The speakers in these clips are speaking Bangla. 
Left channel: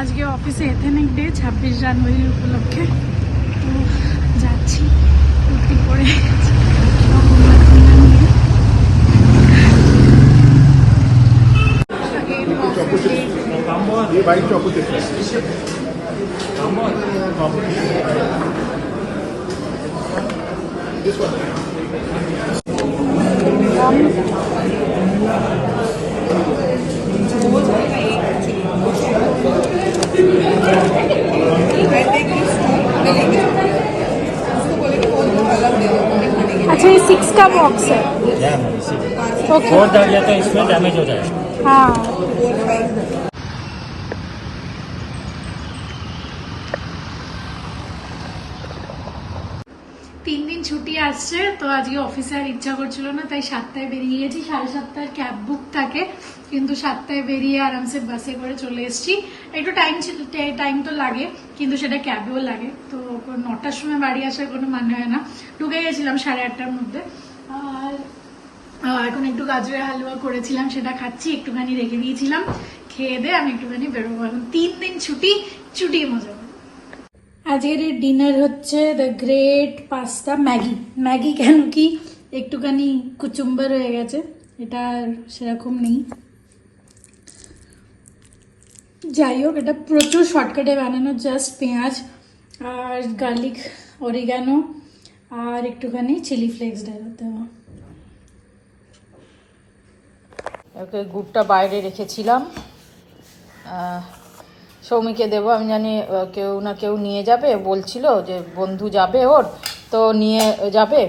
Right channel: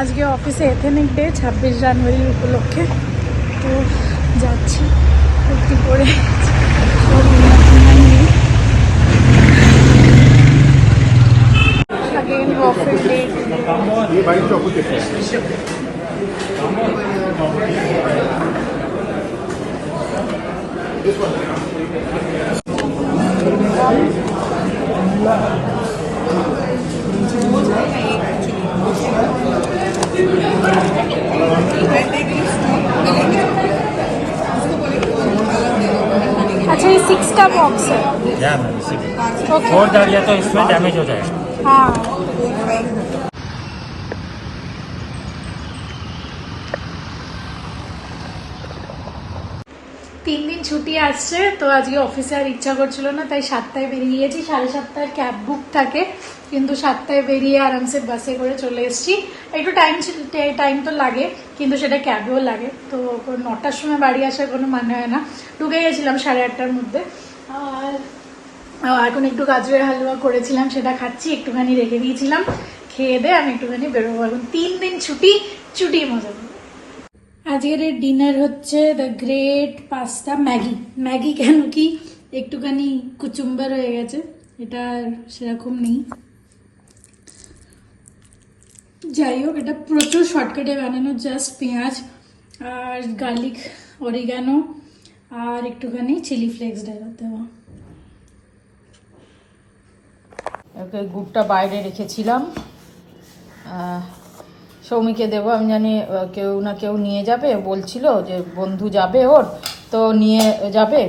আজকে অফিসে এথেনিক ডে 26 জানুয়ারির উপলক্ষে, তো যাচ্ছি কুর্তি পরে সব উন্নতি নিয়ে। अच्छा ये 6 का बॉक्स है। और डर गया तो इसमें डैमेज हो जाएगा। हाँ। তিন দিন ছুটি আসছে, তো আজকে অফিসে আর ইচ্ছা করছিল না, তাই 7টায় বেরিয়ে গেছি। 7:30 ক্যাব বুক থাকে, কিন্তু 7টায় বেরিয়ে আরামসে বাসে করে চলে এসেছি। একটু টাইম তো লাগে, কিন্তু সেটা ক্যাবেও লাগে। তো 9টার সময় বাড়ি আসার কোনো মানে হয় না। ঢুকে গেছিলাম 8:30টার মধ্যে। আর এখন একটু গাজরের হালুয়া করেছিলাম, সেটা খাচ্ছি। একটুখানি রেখে দিয়েছিলাম, খেয়ে দিয়ে আমি একটুখানি বেরোবো। এখন 3 দিন ছুটি মজা করবো। আজকের ডিনার হচ্ছে দ্য গ্রেট পাস্তা ম্যাগি কেন কি একটুখানি কুচুম্বার হয়ে গেছে, এটা সেরকম নেই। যাই হোক, এটা প্রচুর শর্টকাটে বানানো, জাস্ট পেঁয়াজ আর গার্লিক, অরিগানো আর একটুখানি চিলি ফ্লেক্স দেওয়া। গুড়টা বাইরে রেখেছিলাম, সৌমিকে দেবো। আমি জানি কেউ না কেউ নিয়ে যাবে, বলছিল যে বন্ধু যাবে ওর, তো নিয়ে যাবে।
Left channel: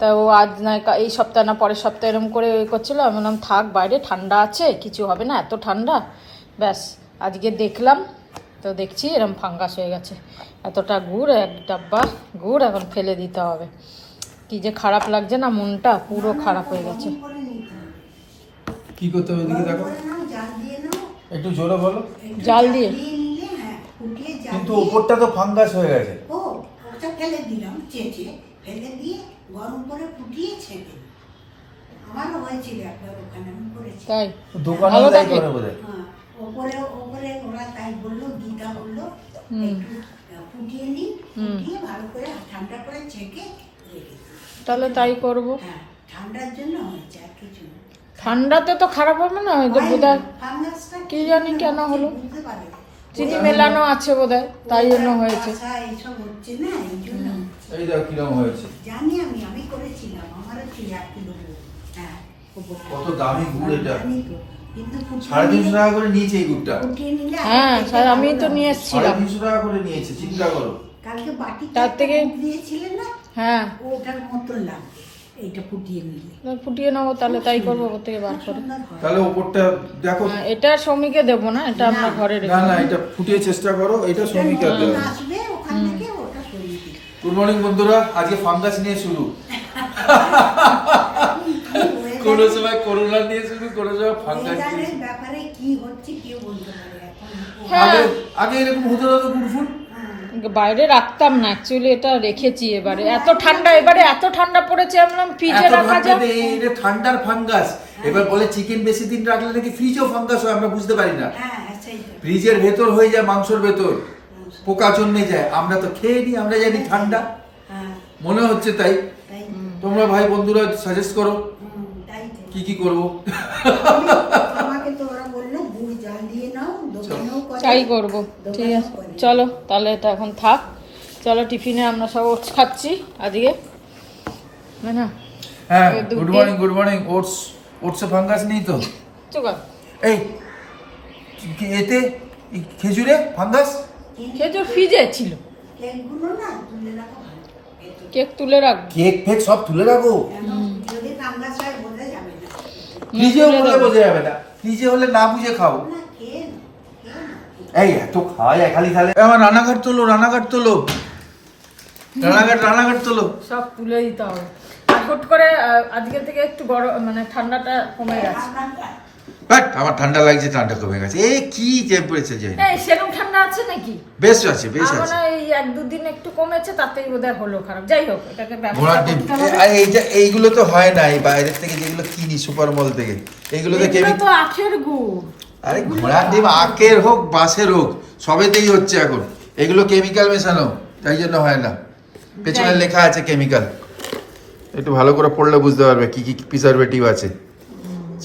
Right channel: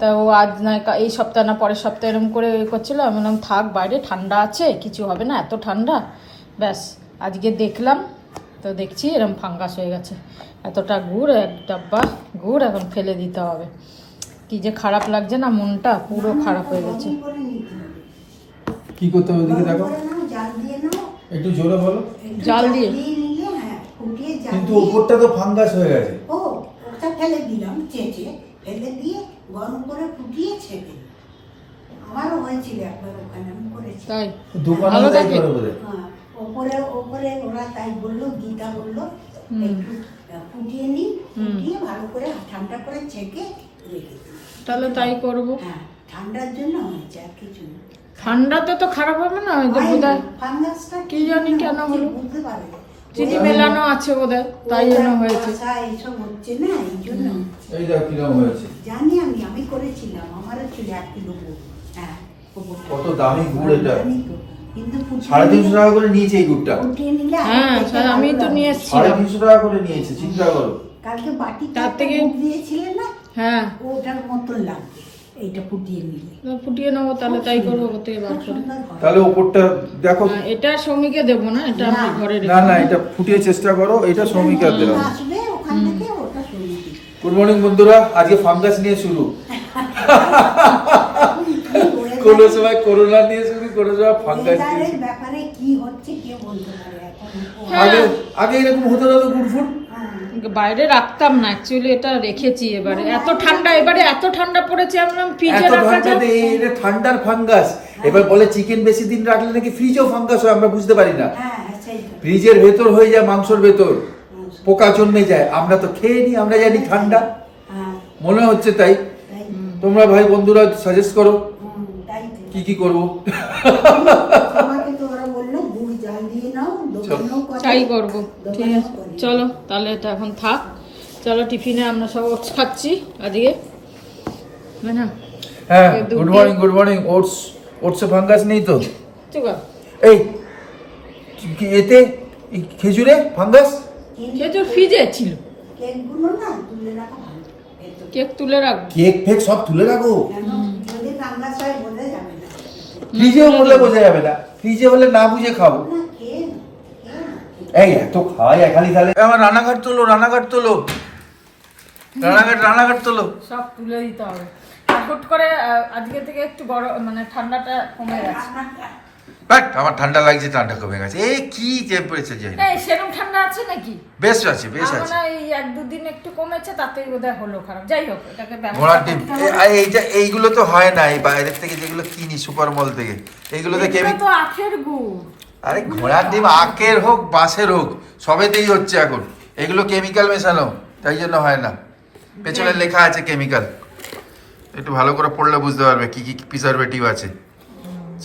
তা ও আজ না এই সপ্তাহ না পরের সপ্তাহে এরকম করে করছিল। আমি বললাম থাক, বাইরে ঠান্ডা আছে, কিছু হবে না, এত ঠান্ডা। ব্যাস আজকে দেখলাম, তো দেখছি এরকম ফাঙ্গাস হয়ে গেছে। এতটা গুড়, এক ডাব্বা গুড় এখন ফেলে দিতে হবে। কি যে খারাপ লাগছে না, মনটা পুরো খারাপ হয়ে গেছে। কি করতে হবে দেখি, দেখো একটু জোরে বলো। জাল দিয়ে, কিন্তু উপরটা তো ফাঙ্গাস হয়ে গেছে। ও ওটা ফেলে দিলাম, চেঁচে ফেলে দিয়ে গরম করে ফুটিয়ে ছেড়ে। আমারও হয়েছিল একবার, ওখানে আমি করেছি। তাই দোকানে তাই করে বোধহয়। হ্যাঁ, ওপরে ওরা তাই বললো, গীতা বললো একটু ফুটিয়ে নিই, ফুটিয়ে ভালো করে ঠান্ডা করে ছেঁকে রেখে দিই। তাহলে তাই করবো। হ্যাঁ, ঠান্ডার জন্য হয়েছে, আর কিছু না। ঠান্ডাতে তো খারাপ হবে না, বোধহয় ফাঙ্গাসটা কি জানি কেন হলো, বুঝতে পারে না। চিনি মেলানো আছে বোধহয়, তাই জন্য হয়েছে। এইসব হচ্ছে না, এই জন্য এই দেখো কিরকম হয়েছে। জানি আমি করেছিলাম, আমারও ছিল 1 কিলো গুড়। হ্যাঁ, কত দামি গুড় এটা, জানি তো, কিন্তু 350 টাকা করে নিয়েছে এই গুড়টা। ফুটিয়ে নিলে হ্যাঁ, আমি তো নিয়ে এসেছিলাম। 350 টাকা করে নিয়েছে, চিন্তা করো। কালকে বাটিতে তার থেকে দিয়েছিলেন না, হ্যাঁ ওটার মতন লাগবে এইটা ফুটিয়ে নিলে। ফুটিয়ে নেবো, তাহলে তাই করবো, ওর থেকে বার করে। তাহলে উপরটা দেখো। এটা সৌমিকে দেবো না, এটা আমরা ঘরে না রেখে না, এটা ফুটিয়ে চেষ্টা করো, এটা শ্রমিকের দেওয়া। আসবে ওখান থেকে, ওটা সরিয়ে দিই। গুড মর্নিং বন্ধুরা, আজকে ফাঙ্গাস নিয়ে শুরু। কোন সময় করোনা দিয়ে শুরু, কোন সময় ফাঙ্গাস দিয়ে ওয়েদারের শুরু। ব্যাপারে কি হচ্ছে কেউ বলতে পারে এখন। আগে আগে এরকম হতো না তো গুড় ফুট। বাইরে রাখতাম না, অ্যাকচুয়ালি এটা রেখেছি। এবারে এত ঠান্ডা, এবারে এত ঠান্ডা পড়েছে, আমরা ফ্রিজে এত রাখা ঠান্ডাতে যাবে। এটা ঠান্ডার ফাঙ্গাস। এবার বলে চিকেন বেশি দিন রাখলে নাকি ফ্রিজেও ফাঙ্গাস হয়, আমরা বুঝতে পারি না। হ্যাঁ, সেই তো। ফ্রিজের ভেতর হয়ে যায়, মাংসর ভেতর পোকা জন্মে যায়, আমরা তো খেয়ে নিই, আমরা জানি ঠান্ডা, হ্যাঁ, মনে হচ্ছে তাই। তাই। তোমরা ভাই বন্ধুরা সাজেস্ট করো তাই তো। কি করব। আমাকে তো ওরা বললো গুড় জাল দিয়ে নাও, দোকানেও করে। তাই করবো, ঠিক দোকানেও আছে করে। চলো তাহলে, এটা এখন থাক। চলো টিফিনে আমরা সব ওটস খাচ্ছি আজকে, না? হ্যাঁ, গুড মর্নিং গুড মর্নিং। ওটসে ফাঙ্গাস নেই তো? চুকা এই এতে এই খেজুরে ফাঙ্গাস? খেজুর ফ্রিজে ছিল, কেকগুলো না তুলে রাখা ভালো। এই তো। কেক তুলে রাখবো। কেক ফেক সব তুলে রাখো, কেন? যদি ফাঙ্গাস হয় বোঝা যাবে না। ফ্রিজেও বললে বোঝা যাবে না, ফ্রিজে হলে না বুঝে খাও। না, খেয়ে না। এই এত খাওয়া যায় খালি খালি। আমার রানাঘাট তোলো, রানাঘাট তোলো, রানাঘাট তোলো। সব তুলে দিতে হবে। আর হুট করে আজকে থেকে একটু গরম, মানে ঠান্ডাটা কমে গেছে। বাট আমার ঠান্ডা লাগছে, ঠান্ডা কমে গেছে। এই কি টেম্পারেচার যায় না, এই সেরকম ঠান্ডা আছে নাকি? বেশ আছে বেশ আমার আছে। না এই 1-2 দিন একটু কমেছে, তাতেই বোধহয় হলো খারাপ। যাই হোক, এটাকে ঘোড়ার ব্যবস্থা ডিম করতে হবে। এইটা, এইগুলো তো হয় না, এই বাইরের থেকে যেগুলো কিনি সুপার মল থেকে, এইগুলোতে এগুলো কেমিক্যাল। তো আখের গুড়। আরে ঘোড়ার ডিম আখের হোক বাঁশের হোক সবেতেই হচ্ছে এখন, এগুলো কেমিক্যাল মেশানো, তাই জন্য হয় না। পেছনে লেখা আছে কেমিক্যাল, একটু ভালো করে পড়লে বুঝতে পারবে কি কি প্রিজারভেটিভ আছে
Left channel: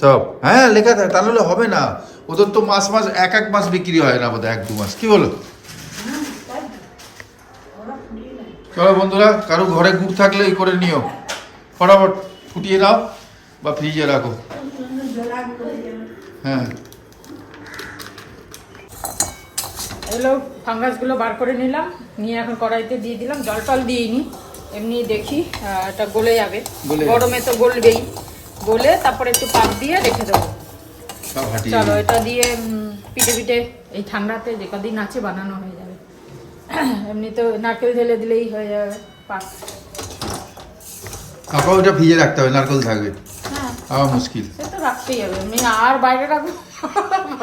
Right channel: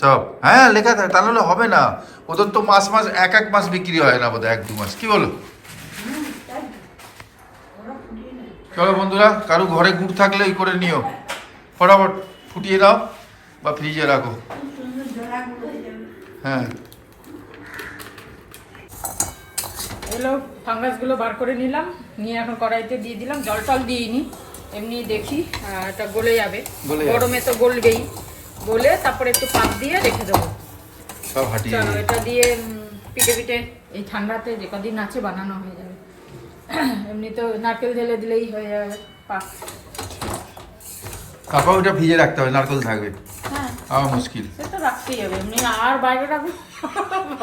সব। হ্যাঁ লেখা থাকে, তাহলে হবে না। ওদের তো মাস মাস এক মাস বিক্রি হয় না বোধহয়, 1-2 মাস, কি বলো? চলো বন্ধুরা, কারো ঘরে গুড় থাকলে এই করে নিও, ফটাফট ফুটিয়ে দাও বা ফ্রিজে রাখো। হ্যাঁ এগুলো ফাঙ্গাসগুলো বার করে নিলাম, নিয়ে এখন কড়াইতে দিয়ে দিলাম, জল টল দিইনি, এমনি দেখি এটা গলে যাবে, গরমে তো গলবেই, গলে তারপরে একটু পাক দিয়ে রেখে দেবো। সব হাঁটিয়ে চলো এটা দিয়ে পিঠে পিঠে এই ঠান্ডাতে যে কদিন আছে বানানো হয়ে যাবে। এমনি তো নারকেল ঢেলে দিলেই হয়ে যাবে পাক। কাপা ওটা ভিজে রাখতে হবে, নারকেল থাকবে, হ্যাঁ আমার মুশকিল। সে তো রাখতেই হবে, এমনি আর বাইরে রাখবো আর রাখবো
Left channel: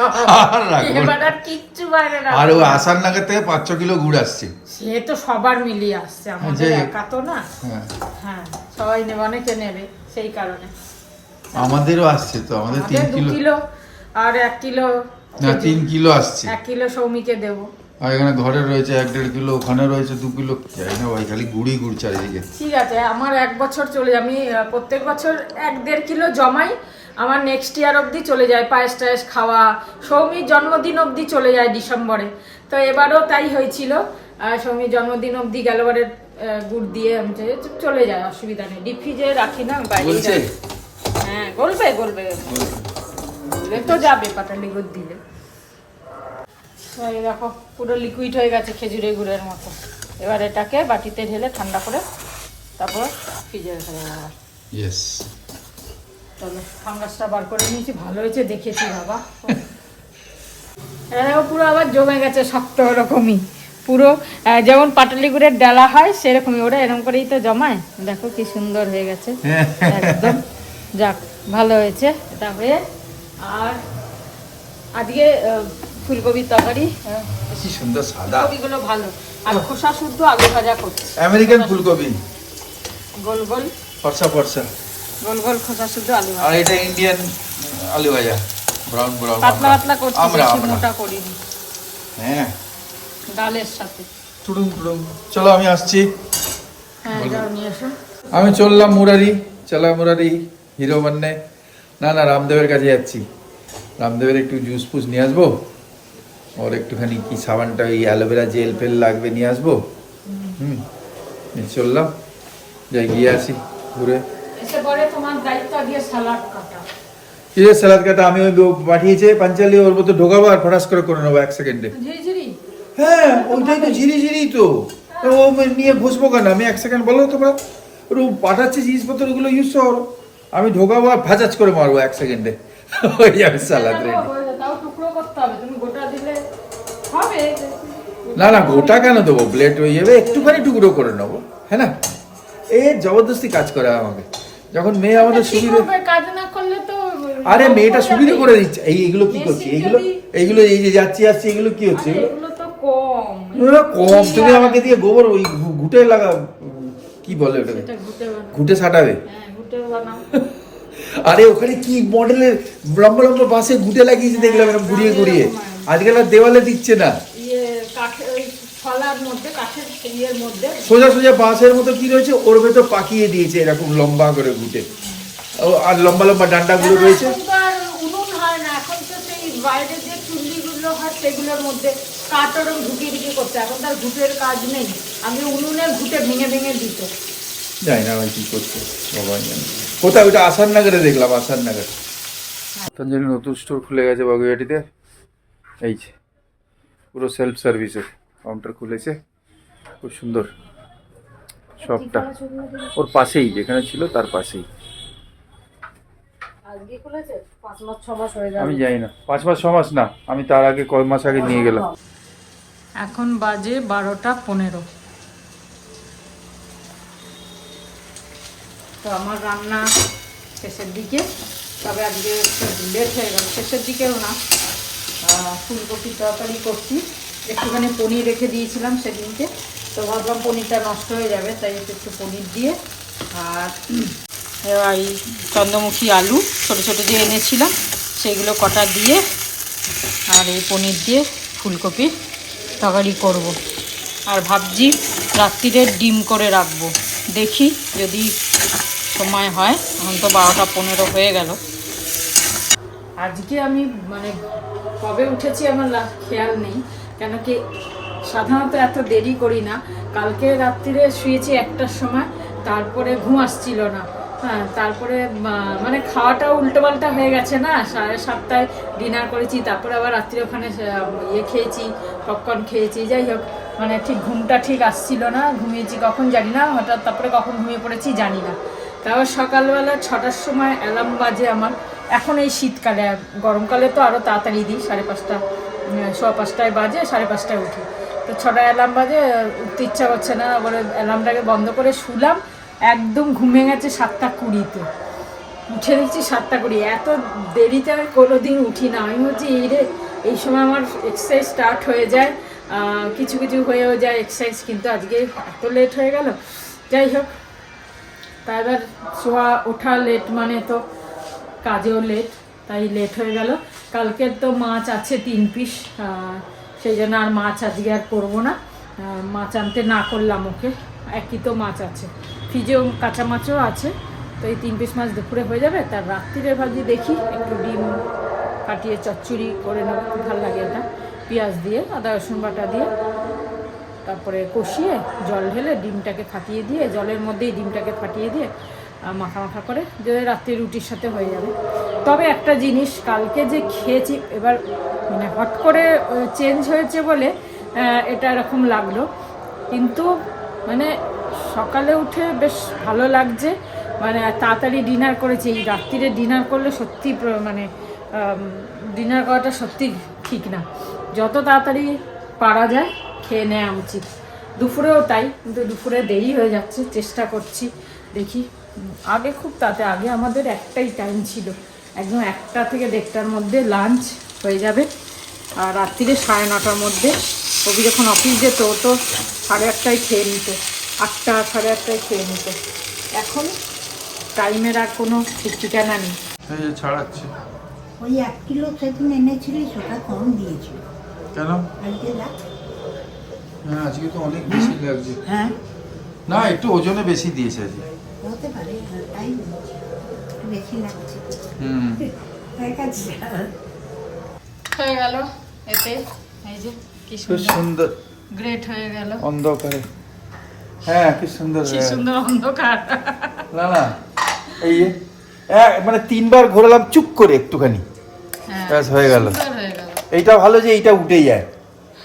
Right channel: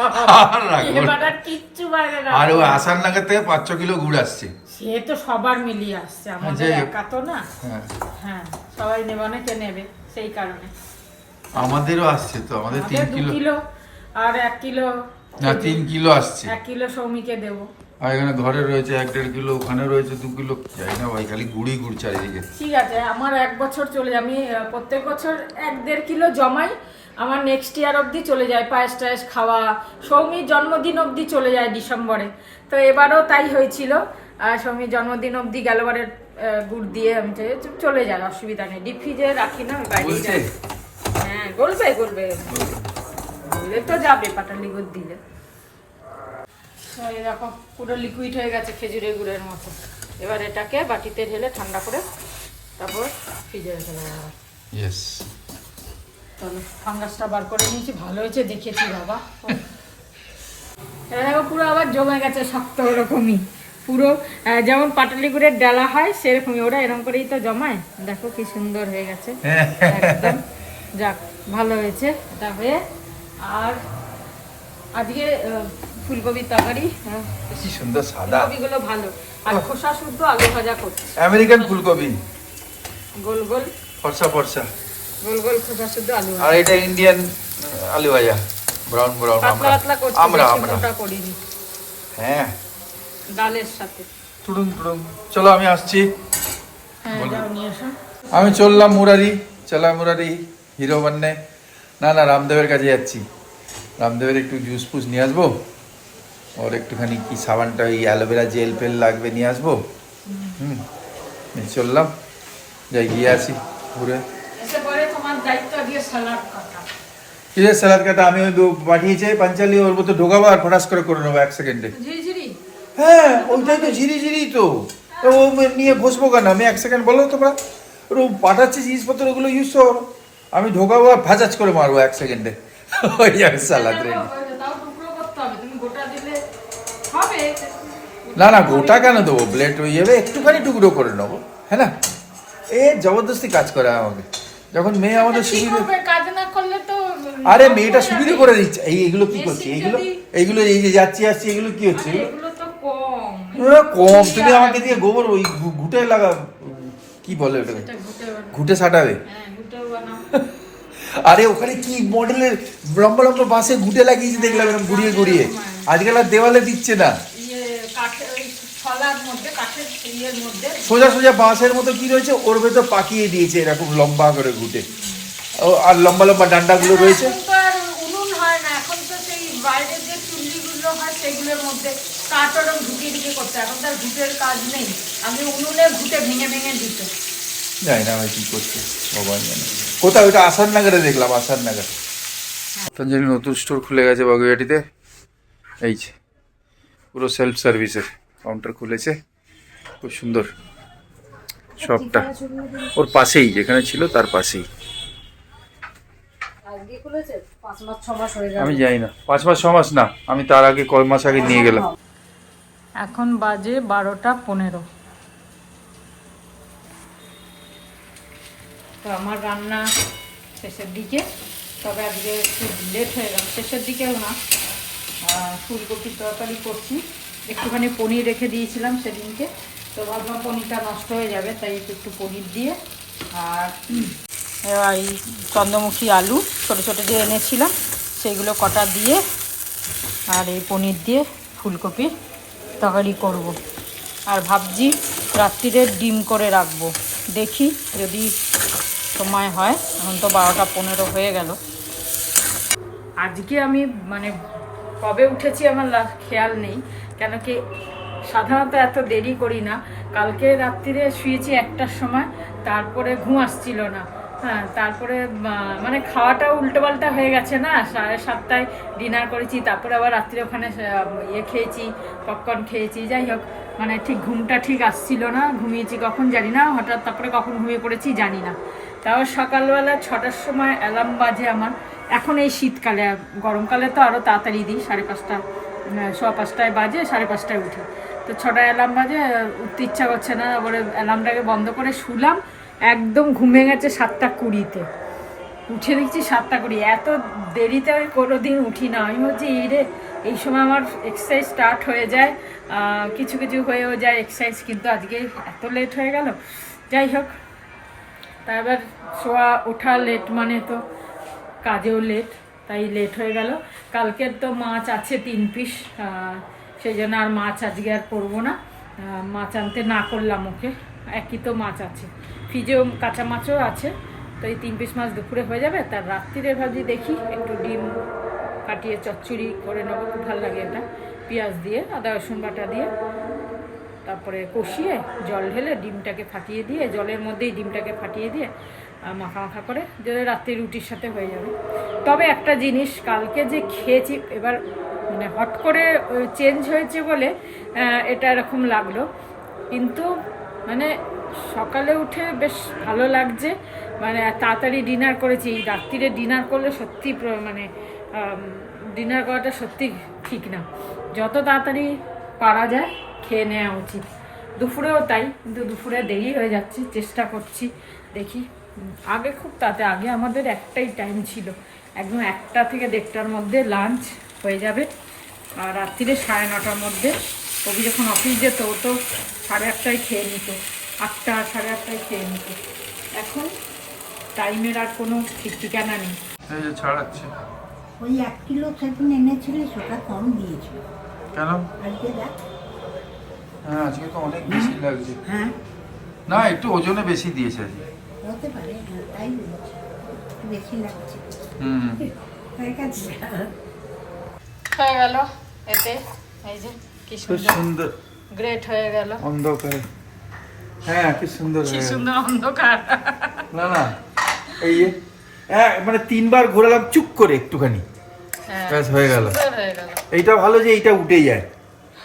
না। এবার আর কিচ্ছু বাইরে রাখবো আর ও না। আসার নাগাদ থেকে 5-6 কিলো গুড় আসছে। সে তো সবার মিলিয়ে আসছে, আমাদের যাই হোক। একা তো না। হ্যাঁ হ্যাঁ সবাই নেবে, অনেকে নেবে, সেই কারণে আমাদেরও আসছে তো, আমাদের আমাদের 3 2 কিলো কিলো আর 1 কিলো, না 3 কিলো আসছে। 1 কিলো সৌমিকে দেবো। আর এখানে ঘরে রয়েছে 1-1.5 কিলো, ওখানে রয়েছে 2 কিলো, যাই না ভাই, খালি গুড়ি গুড় চারিদিকে। ঠিক আছে, আমার 1 বছর চলে যায়, আমি প্রত্যেক বছর 1-1.5 কিলো জমাই, আমার নেক্সট ইয়ার অবধি চলে যায়, পায়েস টায়েস খাওয়া, সৌমির জন্মদিন অবধি চলে যায় ডিসেম্বরে। তো এবারও তাই হয়েছিল, সৌমির জন্মদিন অবধি গেলবারে গুড় দিয়ে আমি চলে যায়, অসুবিধা নেই। ডিপ ফ্রিজে রাখি না, আমি বাইরে বলছে হ্যাঁ বলবে বলবে বললে তো যাবে পাটালি গুড় দিলে। তো এই দেখো পুরো লিকুইড হয়ে গেছে খেজুরের গুড়ের মতো। এবার এটাকে বাটিতে ঢেলে ঠান্ডা করে তারপর ফ্রিজে রেখে দেবো। ইয়েস, তাহলে ফাঙ্গাসটা বার করে নিয়েছি, ভালো হয়েছে দেখেছি বাবা। এটা দেখো পুরো আবার জমে গেছে শক্ত ওরকমই, পুরো যেমন পাটালি গুড়ের ডালা হয় সেরকমই, ওরা এরকম করেই তো জমায়। দেখো কি সুন্দর হয়ে গেছে একদম। যাক ভালো হয়েছে। তারপরে আর আজকে ফুলকপির তরকারি, কি সুন্দর সাদা, ফুলকপিগুলো ভালো, আর খোসা শুদ্ধ আলু ভাজা করছে, আমেরিকান ফুলকপি, গোল গোল ফর্সা ফর্সা। গোল গোল খোসা শুদ্ধ আলু আর ভাজা, এটা ইন্ডিয়ান আলু ভাজা, ব্রাউন ব্রাউন। পাতলা পাতলা করছে, আমরা বেশি আমরা মোটা করিনি, হ্যাঁ ডালের সাথে। টুডুম টুডুম। চলো আমি আসছি, হ্যাঁ যাও নিয়ে এসো। আমি চললাম মুরারি, চলা মুরারি হিরো বান্নে। না না, রামদেবের কাছে যাচ্ছি, রামদেবের একটু জুস ফুস নিয়ে আসবো, ওর একটুখানি কি সাবানটা, ওই অ্যালোভেরা জেল ফেল লাগবে নিয়ে আসবো। চললাম, যাই গিয়ে আসি ঘুরে। এসে পরে তোমার দায়িত্ব দিয়ে সালাদ কাটা। কিসের স্যালাদ কাটা? আমি ওই পাঠিয়েছে পাঞ্চালি, ওর মতো ঢোকাবো আর ফটাস করে নেবো 1 সেকেন্ডে। ঝিরিঝিরি হ্যাঁ ওইটাই তো, ঝিরি ঝিরি তো। তো ও নিয়ে ঘষবো কেন আমি? 1 সেকেন্ড বলো তোমরা, ওর পাঠাচ্ছে জিনিসপত্র, ওগুলো ইউজ করো, আমি ঢোকাবো আর ভাজাজ করে মারবো 1 সেকেন্ডে, হয়ে যাবে সালাদ রেডি। তাও টুকরো করতে হবে, তুমি গোটা দিলে হবে। না না, গোটা কেন দেবো, ব্লেড হয়ে যাবে, একটুখানি টুকরো করে নেবো, হ্যাঁ না? এ জবরদস্তি কাজ করে আমাকে, যখন মেয়ে আমাদের সুবিধে। কাজ না করলে তো আরে মেয়েটা সুবিধে করে দিচ্ছে। এইগুলো কি করছি? এইগুলো এই যে যাচ্ছি আসছি, এগুলো কি হচ্ছে? এগুলো এগুলো তো কম, কম। তুমি আমাকে দিয়ে গোবর ওই ঘুটে লাগা, কি বলে ওটাকে, এটা ঘুটে বানাও। ঘুটে সাটাবে। হ্যাঁ ঘুটেও বানাও। আরে ওখানে কি মডেলের লম্বা লম্বা বাঁশে ঘুটে লাগিয়েছে দেখলাম, এরকম ঘুরিয়ে ঘুরিয়ে। আজকাল আর দেওয়ালে দিচ্ছে না, ইয়ে কাঠের ওই ছলার মধ্যে, কাঠের ইয়ের মধ্যে সোজা সোজা বাঁশের মতো কি রয়েছে ওর ভেতর পাকিয়ে দিয়েছে এরকম লম্বা করে ঘুটে, আর লম্বা লম্বা ডান্ডাগুলো রয়েছে। এখন তো আর উনুন হয় না, এখন তো সেই বাইরের যে চুল্লিগুলো হয় সেগুলোর মধ্যে কাঠ ওরকম ঢুকিয়ে ঢুকিয়ে করছে, এখন তার ঘুটের কাজ নেই। আমি উনুনে ঘুটে ভেঙে ভেঙে দিত। জানি না ভাই কি করছে, ভগবান জানে। কোথায় ওইটা? আসার নাগারে দেখলাম, আসার নাগার। তাঞ্জানি নতুন স্টোর খুলে গেছে বাগুইয়াটিতে, এই যে পুরো সেলফ সার্ভিসের কাউন্টার খুলেছে, খুব সুন্দর শপটা, ওর পাশেই যেখানে ছিল তার পাশেই। আজকে খুলেছে 5 মাস 6 মাস হয়ে আমি জানি না, 5 মাস 6 মাস না, আমি তার আগে কয় মাস আগে নিয়ে গেলাম। এখন বাজে 12টা 15। তো আমার রান্না শেষের দিকে, তবে আজকে একটু লেট হয়ে গেল, শেষের দিকেও না। ফুলকপির তরকারি করছি, একটুখানি পনির রেখে দিয়েছিলাম সেদিনকে, তো ভাবলাম পনিরটা নষ্ট হয়ে যাবে, তাই একটু পনির দিয়ে, আর এই চন্দ্রমুখী আলু ছোটো ছোটো যে এনেছিলাম সেইগুলো কটা দিয়ে আর এই পনির দিয়ে ফুলকপির তরকারি করব। আর ভাবছি রাত্রিরে ডিম করে রাখবো, দেখি যদি সময় হয়। এখন তো 12টা 15 হয়ে গেল। আজকে আমি মানে কবে উঠেছি আমার খেয়াল নেই, কেন কি সাধারণত এত দেরি করি না। কালকে রাত্রিরে শুয়েছি 1টার সময়, তারপরে ঘুম আসছিল না। হ্যাঁ, তারপরে মানে খাওয়াটাও উল্টোপাল্টা হয়ে গেছে না, 7:30টায় ডিনার করেছি, তারপরে আবার রাত্রে ওখানে খেয়েছি, পপকর্ন খেয়েছি। যাই হোক, মানে ঠিক ঘুমটা ঠিক আসছিল না, ঘুমিয়েছি কখন জানি না, হঠাৎ তারপরে কখন ঘুমিয়ে পড়েছি জানি না। তারপর সকালবেলা 6টার সময় অ্যালার্ম বাজে আমার। এখন এই শীতকালে, গরমকালে তো আরও তাড়াতাড়ি দিই, 5:30 5:15 বাজে, 5:30টায় উঠি। তো 6টায় অ্যালার্ম বাজে, উঠতে ইচ্ছা করছে না, বলে অ্যালার্মটাকে বন্ধ করে শুলাম। একদম ঘুমিয়ে গেছে 7:20-তে, উঠে দেখছি 7:20। এত দেরিতে আমি কোনোদিন উঠি না। আমি বলছি এই সময় আমার এক্সারসাইজ স্টার্ট হয়ে যায়, কিছু কিছু হয়েও যায় এক্সারসাইজ, কিন্তু আজকে এত লেট হয়ে গেল। যাই হোক, তা এবার ওঠা লেট মানে তো কাজেও লেট, তাই লেট হয়ে গেল। কালকের তো মাছ আছে 3 পিস, সেই জন্য আর মাছ আজকে আর করবো না। মাছ আনতে না করলাম ওকে, একই তো মাছ আছে, ফ্রিজেও কাঁচা মাছও আছে। তো এই 3 পিস মাছ দুপুরে হয়ে যাবে। তার রাত্রিরে ভাজি দেখি একটু ডিম ফাটিয়ে চচ্চড়ি করে নেবো, খুব ভালো লাগে এটা, পেঁয়াজ দিয়ে আদা রসুন বাটা দিয়ে, তারপরে কষিয়ে জল ঢেলে ডিমটাকে ফাটিয়ে দিয়ে, জলের মধ্যেই ডিমটাকে ফাটিয়ে দিয়ে মাখা মাখা করে যদি রাত্রি রুটির সাথে হয়ে যাবে। তবে একটা জিনিস, কালকে যে খেয়েছি, এবার মানে হট করে চেঞ্জ হয়েছে বলে এটা এরকম লাগলো, কিন্তু মানে সকালে উঠে বেশ ভালো লাগছে। মানে তাড়াতাড়ি ডিনার করেছি। এই রাত্রিরে ডিনার করলে সত্যি মানে ডিনার করাটা সত্যি ঠিক না, যত তাড়াতাড়ি পারা যায় খেয়ে নেওয়া উচিত। দুপুরেও তাই, কিন্তু দুপুরে দেরি হয়ে যাচ্ছে, চেষ্টা করছি দেখি। আগে খুব তাড়াতাড়ি, আগে আমাদের একটাই টাইম ছিল, একদম 1টা থেকে 1:30টার মধ্যে লাঞ্চ হয়ে যাবে। আর রাত্রিরে 9:30টার মধ্যে কবি যখন অফিস যেত, ও তো 8:30টায় খেয়ে নিত, 8টা 8:30টায় খেয়ে নিত। এখন টাইমের আর কোনো ঠিক ঠিকানা নেই। ছাড়াচ্ছে ওই 1 কিলো সেদিন এনেছিলিস, ওটা কম দিয়েছিল কেন? আজকে দেখ। হ্যাঁ, আজকে তো অনেক বেশি লাগছে। হ্যাঁ, না, একটু ওজনে বেশি দিয়েছে আজকে। হতে পারে, হ্যাঁ, তাই বলেছি, একটু বেশি লাগছে। হয়ে গেছে। হয়ে গেল এতে, এই যে কি খুব সুন্দর গ্রেট হয়ে গেল অন্ধকারে। হ্যাঁ, কি সুন্দর, কি সুন্দর অন্ধকার। না না, এই মানে 3বার ঘোরালাম চুপ করে একটুখানি, হ্যাঁ, ব্যাস হয়ে গেল। সুন্দর হয়ে গেল। এইটা ভালো যে এইটা উঠে যায়,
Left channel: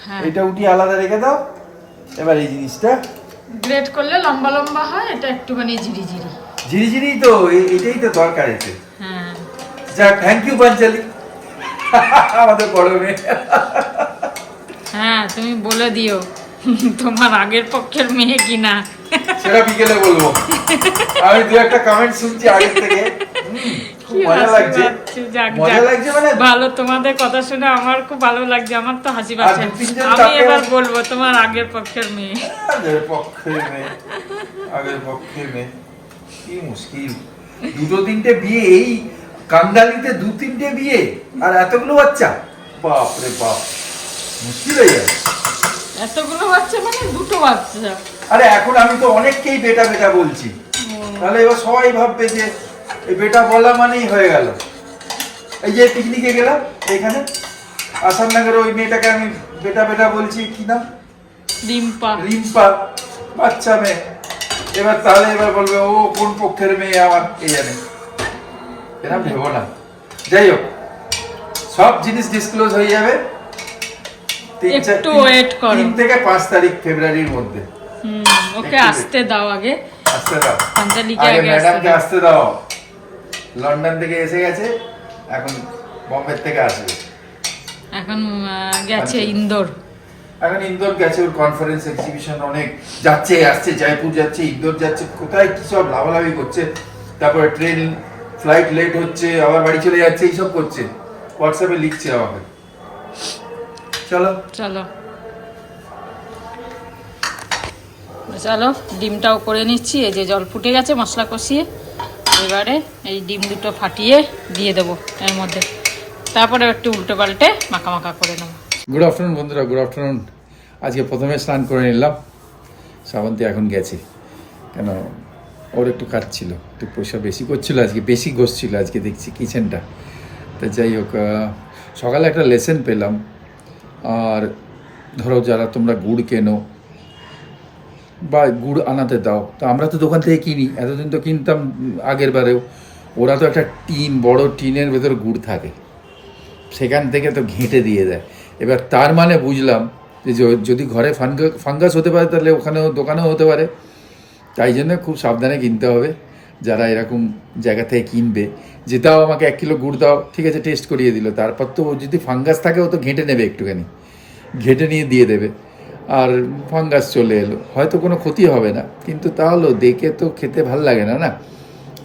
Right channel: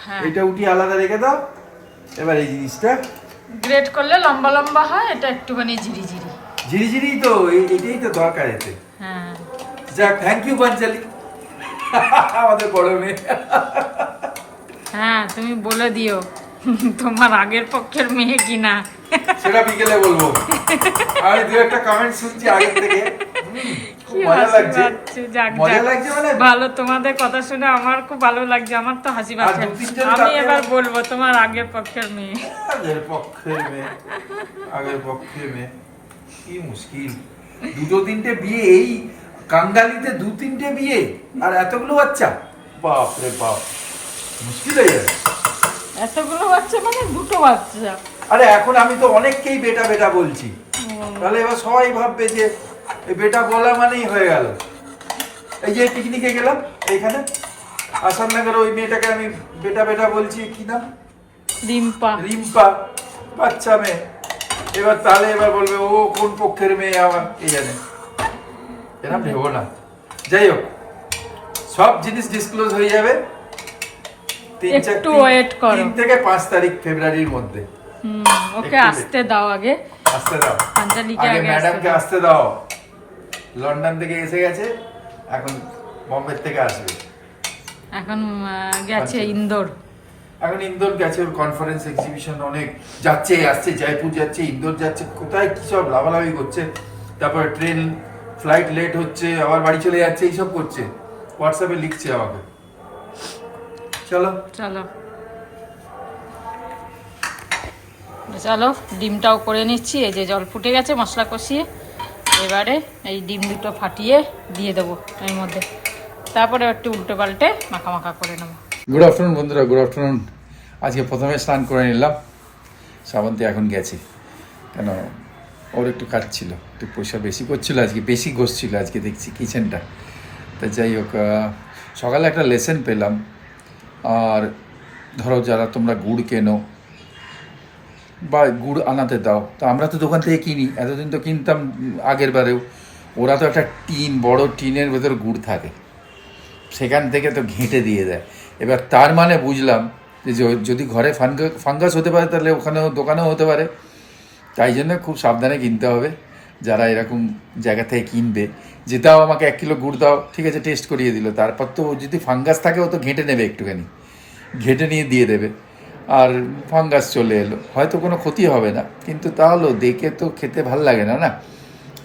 হ্যাঁ, এইটা উঠিয়ে আলাদা রেখে দাও। এবার এই জিনিসটা গ্রেট করলে লম্বা লম্বা হয়, এটা একটুখানি ঝিরিঝিরি। ঝিরিঝিরি তো, এটাই তো দরকার এতে। হ্যাঁ, যাক, থ্যাংক ইউ পাঞ্চালি, আমাদের বড় মেয়ে। হ্যাঁ, তুমি বলে দিও তোমার আগের পক্ষের মেয়ে কিনা। সেটা বিকেলে বলবো। আমি 2-1টা কমেন্ট শুনছি আগে থেকে, খুব মজা লাগছে। মজা লাগছে মানে ভালো, তোমাদের কথা শুনে আমার খুব ভালো লাগছে, আমার তো হাসি পাচ্ছে। 2-3 আমি এবার বলবো তোমার আগের পক্ষের মেয়ে। আগের পক্ষের মেয়ে, কি মুশকিল। 2-3টে বিয়ে, এই কাঙ্গালিতে 2-3টে বিয়ে আর এতগুলো বাচ্চা, বাপ রে বাপ, মুশকিল হয়ে যায়। এতগুলো বাচ্চা মানে 2টো বাচ্চা। আরে এখন আমি তো অনেককেই বেটা বেটা বলছি, তাহলে এবার সবাই ভাববে যে এই বেটা বলা মানেই হয়ে গেল। এই যে পিকনিকে গেলাম এখানে আসামনগরে, ওই মেয়েটাকে আমি বেটা বেটা বলছি, কি নাম? রিম্পা, বাচ্চা মেয়ে। এবার তাহলে এবার বলবে ও কোন পক্ষের মেয়ে আমার, এই জানে, এরকম ভেবো না। যাই হোক, সব জিনিস ডিসক্লোজ হয়ে যাবে একটু ওয়েট করো, 3 থেকে 5 তারিখ ফেব্রুয়ারির মধ্যে। ওকে আসতে দাও, আগে আসতে দাও, পাঞ্চালিকে আগে ম্যাডামকে আসতে দাও। লন্ডন থেকে এসে গেছে, এখন বম্বে থেকে আসবে। এখন গেছে ইন্দোর, এখন ইন্দোর গেছে, ওর কনফারেন্স এক্সিবিশন অনেক যাচ্ছে, আসছে, জয়পুর যাচ্ছে, ইন্দোর যাচ্ছে, কোথায় কি সব লাভালাভি করছে। তারপরে ট্রেন ফ্লাইট লেট হচ্ছে, আবার বাড়ি চলে যাচ্ছে, এইসব করছে। হোয়াটসঅ্যাপে লিখছে আমাকে। চলো চলো চলো, ডিমটাও করে নিচ্ছি। এই যে জল ফুটে গেছে মশলা কষিয়ে, এবারে এই ডিম দুটো ফাটিয়ে দিয়ে দেবো এর মধ্যে। তারপরে একটু উল্টো পাল্টে মাখা মাখা করে নেবো। গুড আফটারনুন বন্ধুরা, গুড আফটারনুন। আজকে প্রথমে স্নান করে নিলাম, শ্রাবন্তী এখন গেছে, কেন ওর একটু কাজ ছিল, একটু পয়সা বেশি করছিল আজকে, বেশি ঘষছিল আজকে দেখছি কিচেনটা। তা যাই হোক, সকালে একটা লেসন পেলাম। আর ধরো যারা তোমরা গুড় কেনো বা গুড় আনাতে দাও, তো আমরা তো দোকান থেকে কিনি, এতদিন তো কিনতাম আগের বারেও। ওরা তো একটা টিন, বড় টিনের ভেতর গুড় থাকে, সেখান থেকে তো ঘেঁটে দিয়ে দেয়। এবার তার মানে বুঝলাম যে যদি ঘরে ফাঙ্গাস হতে পারে তাহলে ওখানেও দোকানেও হতে পারে। তাই জন্য খুব সাবধানে কিনতে হবে যারা এরকম জায়গা থেকে কিনবে। যে দাও আমাকে 1 কিলো গুড় দাও, ঠিক আছে, টেস্ট করিয়ে দিল, তারপর তো যদি ফাঙ্গাস থাকে ও তো ঘেঁটে নেবে, একটুখানি ঘেঁটে নিয়ে দিয়ে দেবে। আর ফাঙ্গাস চলে এলো, হয়তো কোনো ক্ষতি হবে না, কিন্তু তাহলেও দেখে তো খেতে ভাল লাগে না। না,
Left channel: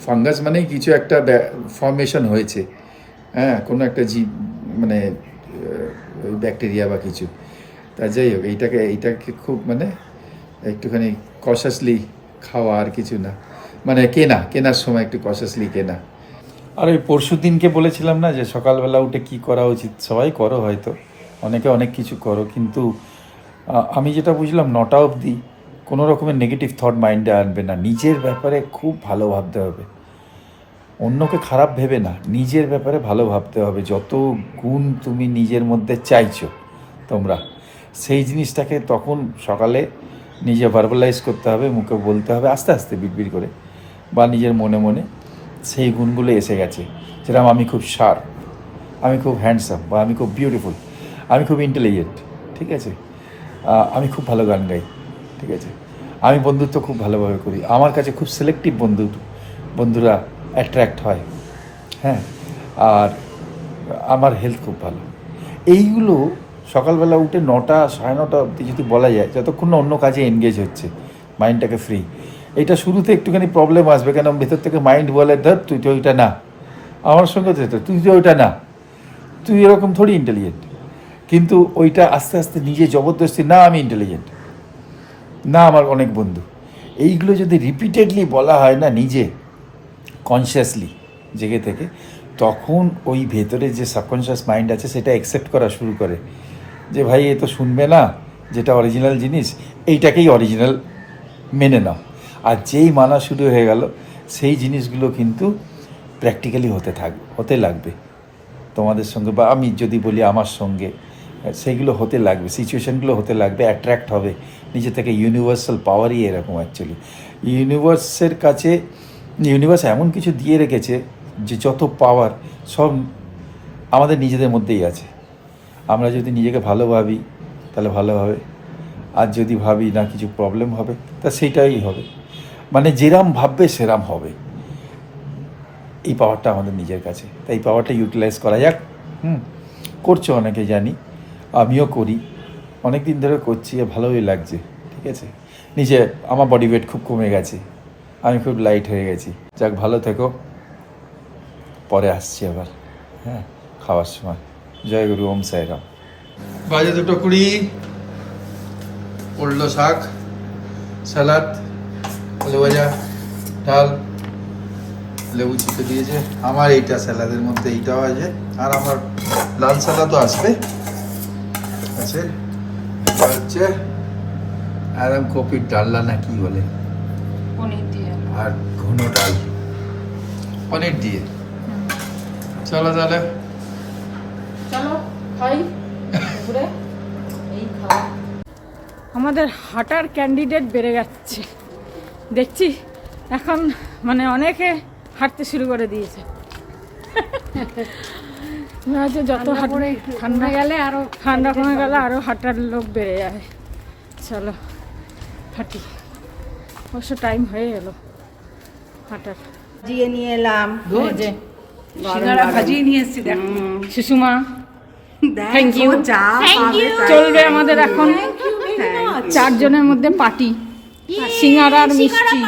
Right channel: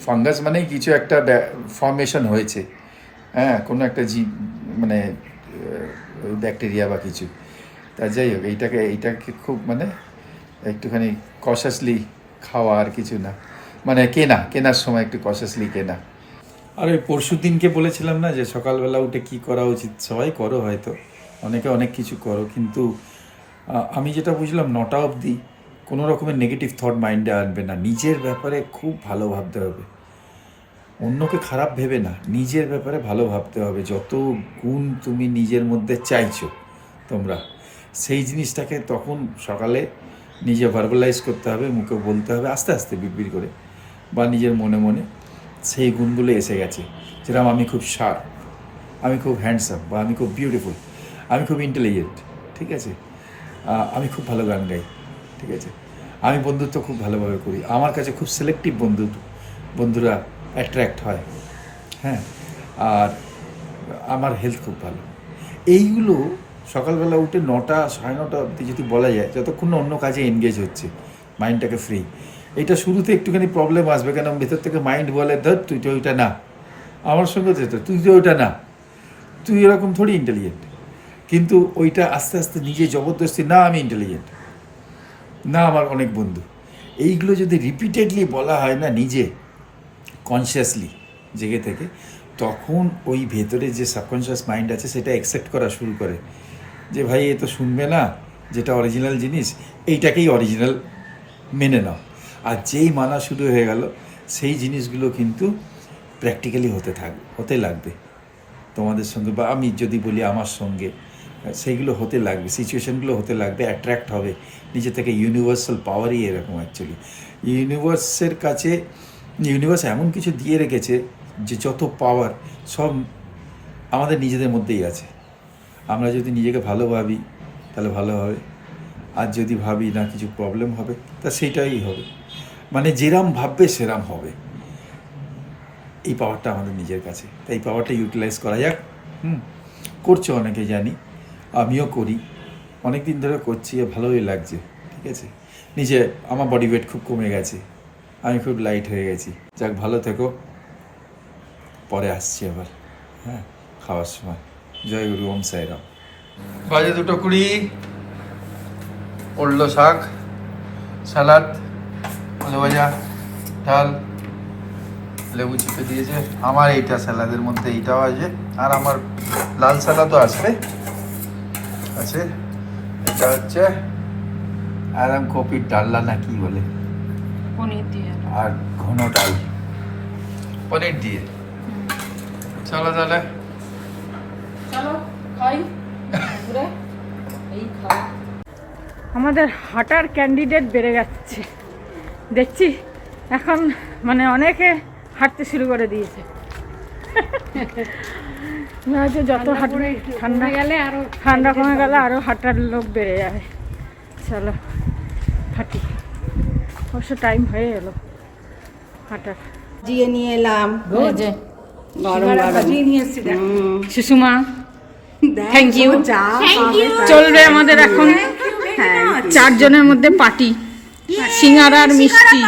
ফাঙ্গাস মানেই কিছু একটা ফর্মেশন হয়েছে, হ্যাঁ, কোনো একটা মানে ব্যাকটেরিয়া বা কিছু। তা যাই হোক, এইটাকে খুব মানে একটুখানি কশাসলি খাওয়া, আর কিছু না, মানে কেনার সময় একটু কশাসলি কেনা। আর ওই পরশু দিনকে বলেছিলাম না যে সকালবেলা উঠে কি করা উচিত, সবাই করো, হয়তো অনেকে অনেক কিছু করো, কিন্তু আমি যেটা বুঝলাম 9টা অবধি কোনো রকমের নেগেটিভ থট মাইন্ডে আনবে না। নিজের ব্যাপারে খুব ভালো ভাবতে হবে, অন্যকে খারাপ ভেবে না, নিজের ব্যাপারে ভালো ভাবতে হবে। যত গুণ তুমি নিজের মধ্যে চাইছো তোমরা, সেই জিনিসটাকে তখন সকালে নিজে ভার্বালাইজ করতে হবে, মুখে বলতে হবে, আস্তে আস্তে বিড়বিড় করে বা নিজের মনে মনে সেই গুণগুলো এসে গেছে। যেরকম আমি খুব শার্প, আমি খুব হ্যান্ডসাম, বা আমি খুব বিউটিফুল, আমি খুব ইন্টেলিজেন্ট, ঠিক আছে, আমি খুব ভালো গান গাই, ঠিক আছে, আমি বন্ধুত্ব খুব ভালোভাবে করি, আমার কাছে খুব সিলেক্টিভ বন্ধুরা অ্যাট্রাক্ট হয়, হ্যাঁ, আর আমার হেলথ খুব ভালো। এইগুলো সকালবেলা উঠে 9টা 9:30 অবধি যদি বলা যায়, যতক্ষণ না অন্য কাজে এনগেজ হচ্ছে, মাইন্ডটাকে ফ্রি। এইটা শুরুতে একটুখানি প্রবলেম আসবে, কেন ভেতর থেকে মাইন্ড বলে ধর তুই তো ওইটা না, আমার সঙ্গে তো তুই তো ওইটা না, তুই এরকম থোড়ি ইন্টেলিজেন্ট। কিন্তু ওইটা আস্তে আস্তে নিজে জবরদস্তি, না আমি ইন্টেলিজেন্ট, না আমার অনেক বন্ধু, এইগুলো যদি রিপিটেডলি বলা হয় না নিজে কনসিয়াসলি জেগে থেকে, তখন ওই ভেতরে যে সাবকনশিয়াস মাইন্ড আছে সেটা অ্যাকসেপ্ট করা শুরু করে যে ভাই এ তো শুনবে না, যেটা অরিজিনাল জিনিস এইটাকেই অরিজিনাল মেনে নাও। আর যেই মানা শুরু হয়ে গেল, সেই জিনিসগুলো কিন্তু প্র্যাকটিক্যালি হতে লাগবে তোমাদের সঙ্গে, বা আমি যদি বলি আমার সঙ্গে, সেইগুলো হতে লাগবে, সিচুয়েশানগুলো হতে লাগবে, অ্যাট্রাক্ট হবে নিজে থেকে। ইউনিভার্সাল পাওয়ারই এরকম অ্যাকচুয়ালি। ইউনিভার্সের কাছে, ইউনিভার্স এমন কিছু দিয়ে রেখেছে যে যত পাওয়ার সব আমাদের নিজেদের মধ্যেই আছে। আমরা যদি নিজেকে ভালো ভাবি তাহলে ভালো হবে, আর যদি ভাবি না কিছু প্রবলেম হবে তা সেটাই হবে, মানে যেরাম ভাববে সেরাম হবে। এই পাওয়ারটা আমাদের নিজের কাছে, তাই এই পাওয়ারটা ইউটিলাইজ করা যাক। করছো অনেকে জানি, আমিও করি, অনেক দিন ধরে করছি, ভালোই লাগছে, ঠিক আছে। নিজে আমার বডি ওয়েট খুব কমে গেছে, আমি খুব লাইট হয়ে গেছি। যাক, ভালো থেকো, পরে আসছি আবার, হ্যাঁ, খাওয়ার সময়। জয় গুরু, ওম সাইরাম। বাজে 2:20, উল্টো শাক, সালাদ, আলু ভাজা, ডাল, লেবু চিপে দিয়েছে। আমার এইটা স্যালাদের মধ্যে এইটাও আছে, আর আমার লাল সালাদও আসবে আছে। এটা হচ্ছে আরাম কপির ডাল্লা না কি বলে, পনির দিয়ে আর ঘন ডাল পনির দিয়ে। চলো তাহলে, চলো খাই। এই খাওয়া আমাদের হাঁটার ক্যান্ডিডেট বেড়ে যাচ্ছে দেখছি এখন, মানে অনেকে হাঁটতে শুরু করে দিয়েছে। হয়তো যত ঠান্ডা গেলে আরো ঠান্ডা কমে গেলে আরো হাঁটার লোক বেড়ে যাবে। চলো হাঁটি, অবশ্য টাইম হয়ে এলো হাঁটার। জিয়ে নিয়ে এলাম, এই যে ভাজিয়ে নিয়ে এসছি, সুষমা, থ্যাংক ইউ। চলবে আমাদের এখন 4 জনের মধ্যে পার্টি, সিঙ্গারা আর মিষ্টি।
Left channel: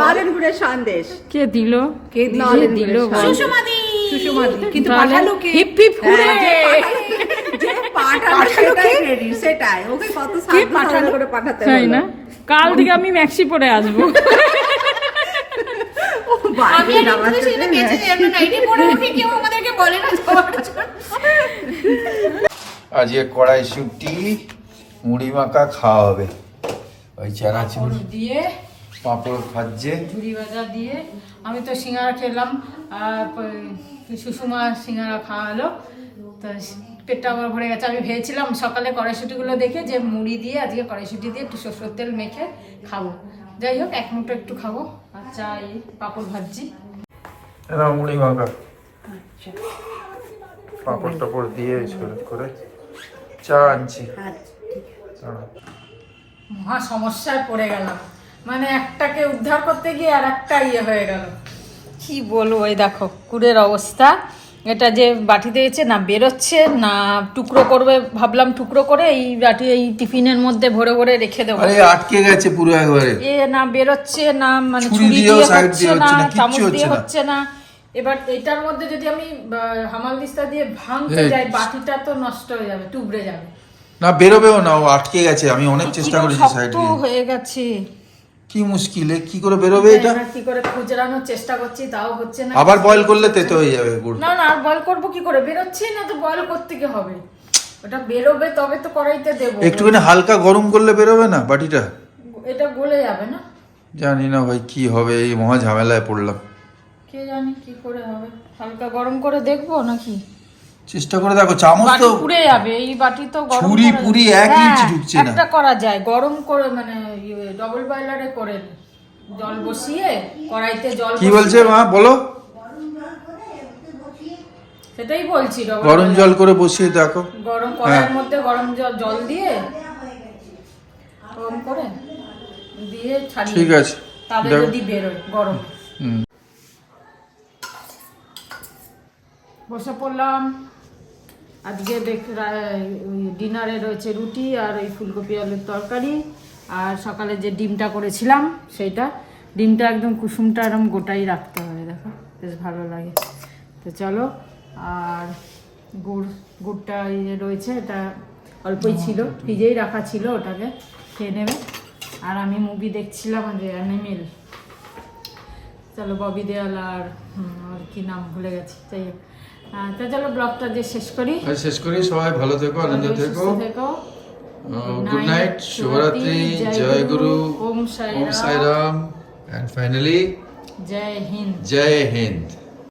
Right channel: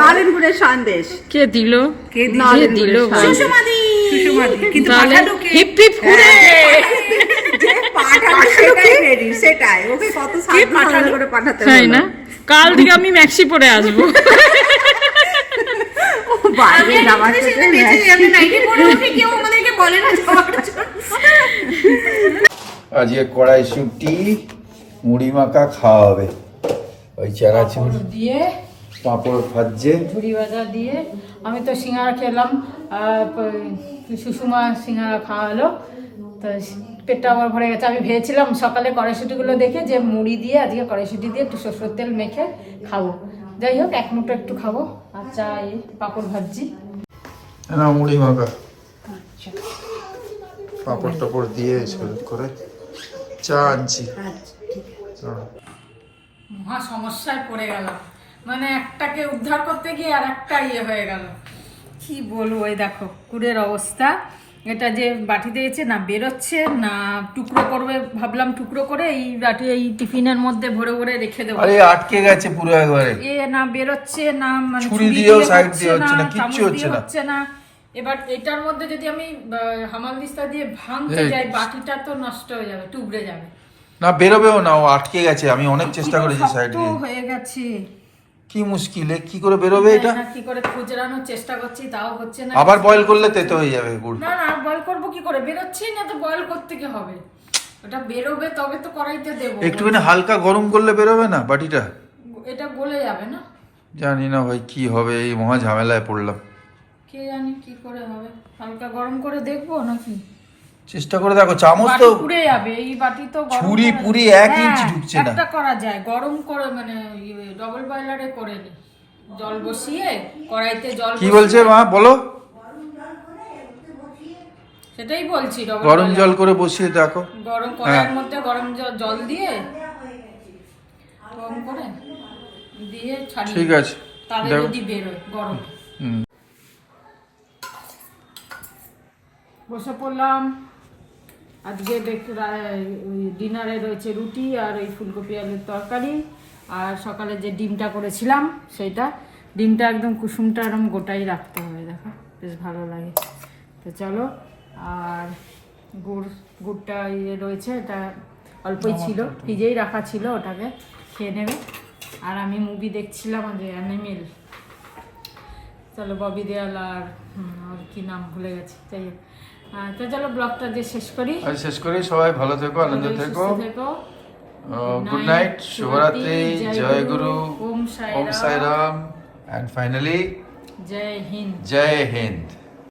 নরেনপুরের সন্দেশ কে দিল বল? তাহলে হিপ হিপ হুরে। যে পাঠালো সেটাই রেডি, সেটাই ওকে কত সাবধানে করে পাঠাতে তাই না? কাল থেকে আমি ম্যাক্সি পরে আসবো। বাইরে নামার জন্য নিয়ে আজকে কড়াইশুঁটি মুড়ি মাখা খাওয়া হবে, ওই চানাচুর দিয়ে পাঁপড় ভাজছে। ঝুড়ি ভাজা দিয়ে আমি তো সিঙ্গারা খেলাম, আর সুষমা সিঙ্গারা খাওয়ালো, তো পেটটা আমার ভরে গেছে। আমি ভেবেছিলাম সকালে কড়াইশুঁটিগুলো দেখে যে মুড়ি দিয়ে আজকে কড়াইশুঁটি দিয়ে একটু সরষের তেল মেখে খাবো। যাই হোক, এক মুঠো একটু খাবো। আচ্ছা, এই পাঁপড় ভাজছি। মুড়ি মাখা পাঁপড় টাপড় দিয়ে সরু করে চা আনছি। মহা সমস্যায় পড়ে গেলাম, মানে একটাকে উদ্ধার করতে গিয়ে আর একটা হয়ে গেল। কি বলবো, এই দেখো কুড়ের অবস্থা। এটা যে বাটি দিয়েছে না বেরোচ্ছে না, টুকরো করবে ভাবলাম, টুকরো করে এই বাটি এই টিফিনের মধ্যে ভরে ভরে রেখে দেবো। আরে আটকে গেছে পুরো একবারে, না বেরোচ্ছে না, মানে ছুরি দিয়েও সাইড দিয়ে হচ্ছে না, কিচ্ছু হচ্ছে না। এবার এটার মধ্যে যদি আমি হামাল দিস্তা দিয়ে ভাঙতে যাই, বাটিটা তো নষ্ট হয়ে যাবে, টুবড়ে যাবে। না বেরোবেও না, ও আটকে গেছে। আমি অনেক চেষ্টা করেছি সাইড দিয়ে, হয়ে গেছে। কি মুশকিলে কি করে বেরোবে এটা, কি করে খুচরানোর চেষ্টা করছি, তাও হচ্ছে না। আবার বয়েল করলে তেতো হয়ে যাবে গুড়। না না, আর বয়েল করবো কি করে, বেরোচ্ছে না তো, বয়েল করতে কি হবে, ওটা বেরোবে তবে তো কড়াইতে দেবো। একটুখানি হালকা গরম করলে বেরোবে না বাটিটা? এটা গলে যাবে না? জানি না ভাই কি হবে, এই মহা ঝামেলায় পড়লাম। কে জানি কি করে হবে, হালকা গরম করে দেখবো নাকি? চেষ্টা করে দেখো, চামচ তো পুড়ে যাবে এই বাটি তো। ছুরি পুরি 1 ইঞ্চি ঢুকছে না। একটা করা যায়, গরম করে মানে ডবল বয়লারে করে জল বসিয়ে কড়াইতে জল। কি বলছে মা বলো? সেটাই বলছি, গরম জল করে বসিয়ে দেখো। গরম কড়াইয়ের মধ্যে গরম জল দিয়ে গরম করে দিয়ে ছাড়িয়ে, ঠিক আছে, তাহলে যদি বেরোয় গরম। বসে পড়লাম। আজকে ডিনারে রয়েছে রুটি আর এই ফুলকপি আলুর তরকারি, আর সকালে যে ডিমটা করেছিলাম সেইটা। ডিমটা একদম কুসুমটা এরকম গোটাই রাখতে হবে, দেখো বেশ ভালো লাগে। তো চলো, আর গুড়টা রয়েছে, এটা অল্পই ছিল, ফ্রিজেই রাখা ছিল, ওটাকে খেয়ে নেবে। আর আমি মুভি দেখছিলাম যে অ্যানিমেল, চলো ববি দেওয়াল আর কি নাম ভুলে গেছি, যাই হোক। তো চলো ব্লগটা যে শেষ করি। সবাই ভালো থেকো, আনন্দ থেকো। গুড নাইট, শুভরাত্রি, জয় গুরু, ওম সাই রাম, এন্ড ফাইনালি জয় হিন্দ। জয় হিন্দ।